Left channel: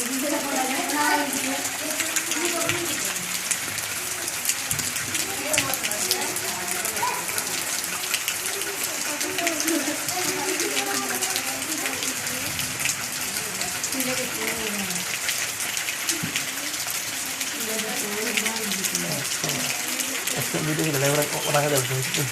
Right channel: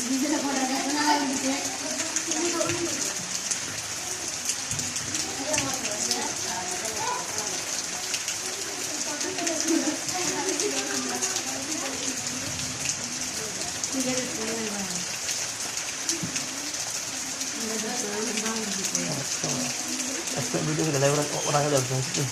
Esok dulu kita lewat orang ada berjumpa.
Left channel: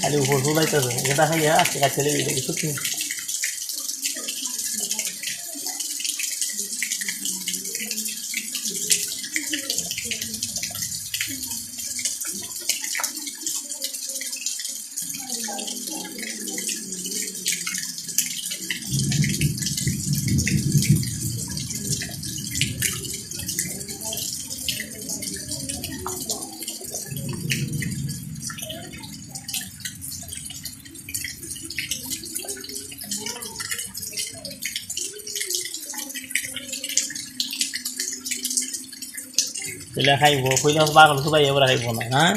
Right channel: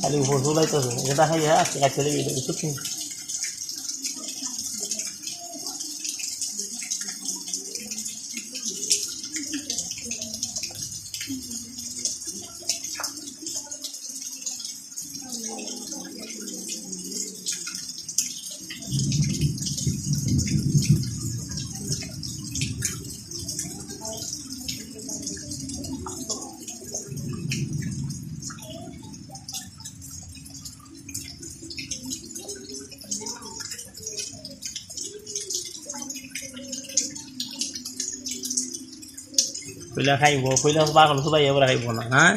খালি উপর চুলাইতেছে এটা খাইয়া আজকে ছেলে ভিডিও কইলা খাইব কইলা পাগল সবাই এবার খাইব না হ্যাঁ